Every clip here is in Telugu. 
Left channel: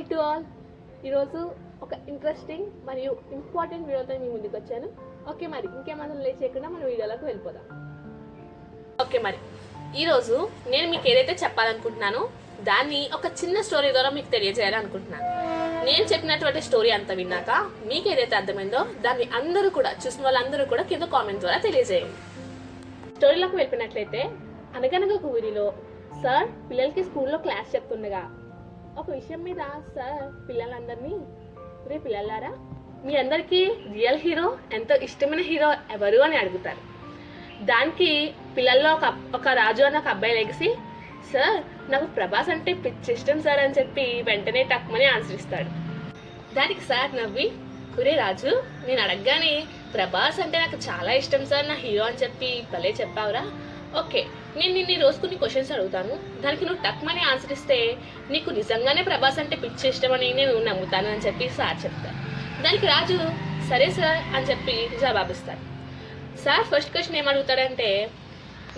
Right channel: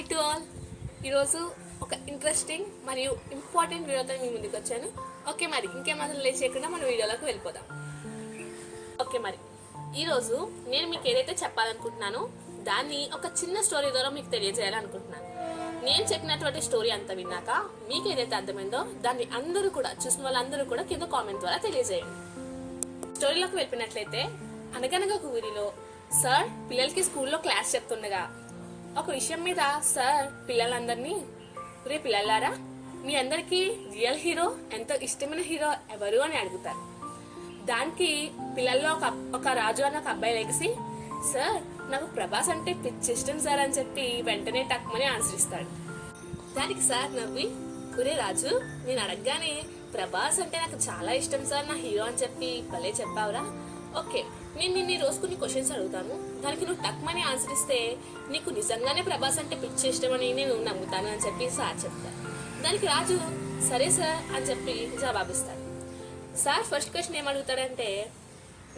Hi to all. ఈరోజు ఒక ఇంట్రెస్టింగ్ మరియు ఇంపార్టెంట్ వీడియోతో మీ ముందుకు వచ్చాను. ఓకే మరి ఇంకేమాత్రం లేచేయకుండా మనం మన వీడియోలోకి వెళ్ళిపోదాం. ఓకే మరి ఈరోజు నేను మీకు ఏదైతే చెప్పాలనుకుంటున్నానో దాన్ని ఒక చిన్న స్టోరీ ద్వారా మీకు తెలియజేయాలనుకుంటున్నాను. నేను చెప్పినటువంటి స్టోరీ అంతా విన్నాక మీకు ఏదైతే అర్థమైందో దాన్ని అందరూ కూడా చూసిన వాళ్ళందరూ కూడా కింద కామెంట్ ద్వారా తెలియజేయండి. స్టోరీలోకి వెళ్ళిపోయినట్లయితే అనగనగా ఒక ఊరిలో సార్ పిల్లలకి స్కూల్లో క్లాస్ చెప్తుండగా ఒక విషయం మీద సార్ పిల్లలందరినీ. రే పిల్లలారా మీ అందరికీ రియల్ హీరో ఎంతో ఇష్టమైన హీరో ఎవరు అని అడుగుతారు. దానికి పిల్లల్లో ఒక ఒక రాజు అన్న ఒక అబ్బాయి లెగిసి సార్ నాకు ప్రభాస్ అంటే పిచ్చి ఇష్టం సార్ అని చెప్పి వెంటనే టక్మని ఆన్సర్ ఇస్తాడు దానికి సార్ నవ్వి ఒరే రాజు నేను అడగగానే ప్రభాస్ అంటే నాకు చాలా ఇష్టం సార్ నా హీరో అని చెప్పి భలే చెప్పావురా. ఓకే నేను నిన్ను రోజు కొన్ని క్వశ్చన్స్ అడుగుతాను. దానికి నువ్వు టక్మని ఆన్సర్ ఇస్తే నీకు నిజంగానే ప్రభాస్ అంటే పిచ్చి ఇష్టమని నేను నమ్ముతాను అని చెప్పి సార్ చెప్తాను దానికి రాజు సరే సార్ అని చెప్పి జవాబిస్తాను సార్ ఫస్ట్ క్వశ్చన్ ఏమడుగుతాడంటే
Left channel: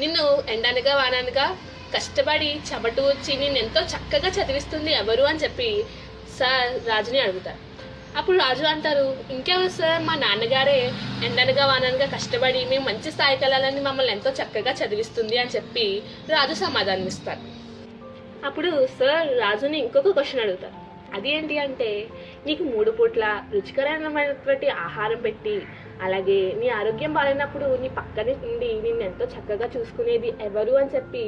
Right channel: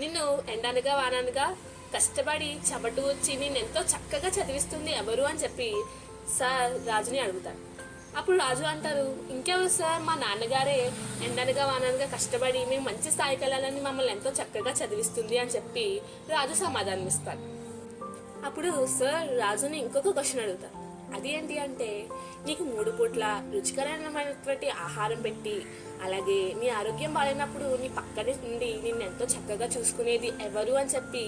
నిన్ను ఎండనగా వాననగా కష్టపడి చెమటూర్చి వచ్చి నేను ఎంతో చక్కగా చదివిస్తుంది ఎవరు అని చెప్పి సార్ రాజుని అడుగుతారు. అప్పుడు రాజు అంటారు ఇంకేమో సార్ మా నాన్నగారే ఎండనగా వాననగా కష్టపడి మేము మంచి స్థాయికి వెళ్ళాలని మమ్మల్ని ఎంతో చక్కగా చదివిస్తుంది అని చెప్పి రాజు సమాధానం ఇస్తారు. అప్పుడు సార్ రాజుని ఇంకొక క్వశ్చన్ అడుగుతారు. అది ఏంటి అంటే నీకు మూడు పూట్ల రుచికరమైనటువంటి ఆహారం పెట్టి అలాగే నీ ఆరోగ్యం బాగాలేనప్పుడు నీ పక్కన నుండి నిన్ను ఎంతో చక్కగా చూసుకునేది ఎవరు అని చెప్పి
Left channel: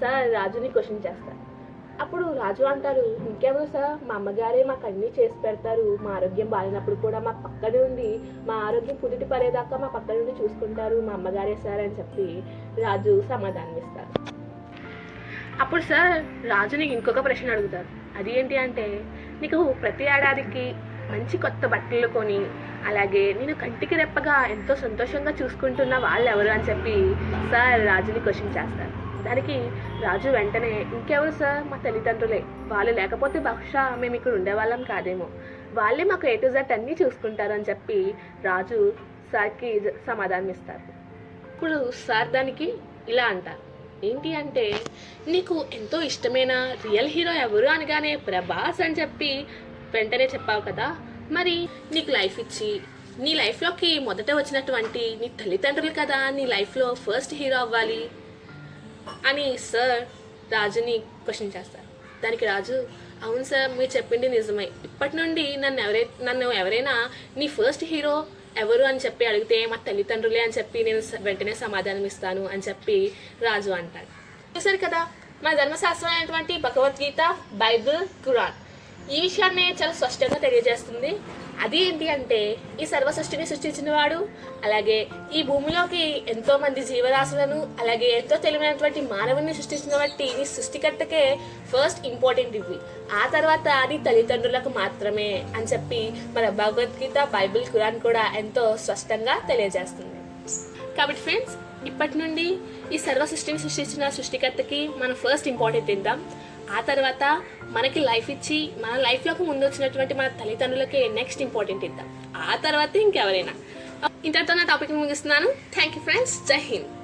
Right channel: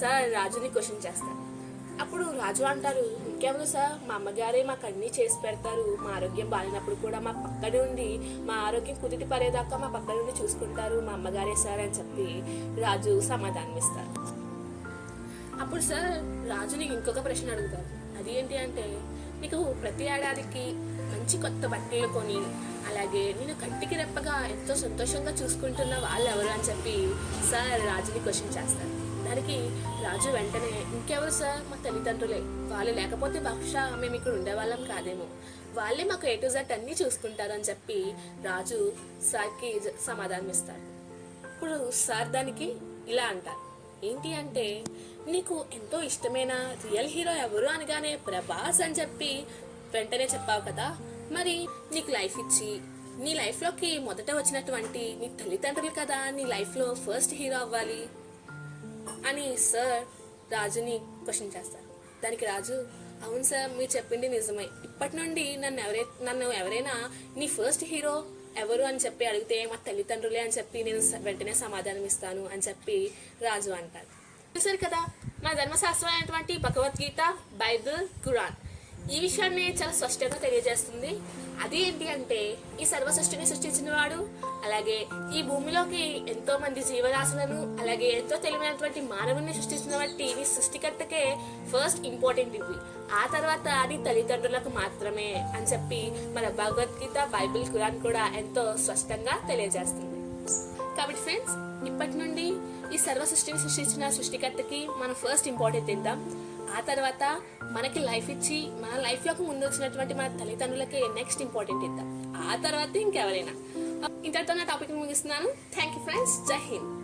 సార్ రాజుని క్వశ్చన్ చేస్తారు. అప్పుడు రాజు అంటారు ఇంకెవరు సార్ మా అమ్మగారే మాకు అన్నీ చేసి పెడతారు. మా ఆరోగ్యం బాగాలేనప్పుడు కూడా మా పక్కనే ఉండి మా ఆరోగ్యం కుదిటి పడేదాకా మా పక్క ఉండి చూసుకుంటారు. మా అమ్మగారే సార్ అని చెప్పి రాజు సమాధానం ఇస్తారు. అప్పుడు సార్ రాజుని ఇంకొక ప్రశ్న అడుగుతారు. అది ఏంటి అంటే నీకు ప్రతి ఏడాదికి మంచి కొత్త బట్టలు కొని అలాగే నేను కంటికి రెప్పగా ఎంతో సంతోషంగా చూసుకుంటున్న వాళ్ళు ఎవరు అని చెప్పి సార్ రాజుని క్వశ్చన్ చేస్తారు. దానికి రాజు వెంటనే ఇంకెవరు సార్? మా తల్లిదండ్రులే. వాళ్ళు లేకపోతే బహుశా మేము ఇక్కడ ఉండేవాళ్ళం కాదేమో. వాళ్ళే మాకు ఏ టు జెడ్ అన్నీ చూసుకుంటారు అని చెప్పి రాజు సార్కి జ- సమాధానం ఇస్తారు ఇప్పుడు సార్ దానికి ఇలా అంటారు ఏంటి అంటే నీకు ఎంతో ఇష్టమైన రియల్ హీరో ఎవరు అనగానే ప్రభాస్ అని చెప్పి వెంటనే చెప్పావు కదా. మరి నీకు లైఫ్ ఇచ్చి నీ లైఫ్లోకి మొదట వచ్చినటువంటి నీ తల్లిదండ్రులు కదా నీ లైఫ్లో ఫస్ట్ హీరో అవ్వాలి. అని సార్ రాజుని క్వశ్చన్ చేస్తారు. దానికి రాజు అవును సార్ మీరు చెప్పింది నిజమే. ఇప్పటి నుండి నన్ను ఎవరై నన్ను ఎవరైనా నీ ఫస్ట్ హీరో ఎవరు అని చెప్పి అడిగితే మా తల్లిదండ్రులే అని చెప్పి నేను వెంటనే సమాధానం ఇస్తాను అని చెప్పి రాజు అంటాడు. చూసారు కదా మన ధర్మశాస్త్రం అయినటువంటి భగవద్గీత బైబిల్ ఖురాన్. ఈ విషయాన్ని చాలా స్పష్టంగా తెలియజేస్తుంది. అది ఏంటి అంటే ఈ సర్వ సృష్టిని సృష్టించిన వాడు అలాగే ఈ భూమిలోకి ఎంతో మంది జీవరాశులను అలాగే ఎంతో తెలివైనటువంటి మానవుని సృష్టించిన బట్టి నీ సృష్టికర్తకే ఫస్ట్ ఇంపార్టెంట్ ఇవి. ఆ తర్వాత నీ తల్లిదండ్రులకు మాత్రమే అని చెప్పి మన భగవద్గీత బైబిల్ ఖురాన్ కూడా ఎంతో స్పష్టంగా తెలియజేస్తుంది. కాబట్టి ఫ్రెండ్స్ ఇప్పటి నుండి ఈ సర్వ సృష్టిని సృష్టించిన సృష్టికర్తకి మనం ఫస్ట్ ఇంపార్టెంట్ ఇద్దాం. ఆ తర్వాత మనకి లైఫ్ ఇచ్చి మన లైఫ్లోకి ముందు వచ్చినటువంటి మన తల్లిదండ్రులకి నెక్స్ట్ ఇంపార్టెంట్ ఇద్దాం. ఆ తర్వాత ఇంకెవరైనా. ఇంతటితో నా టాపిక్ ముగిస్తున్నాను. థ్యాంక్ యూ ఫ్రెండ్స్ జై హింద్.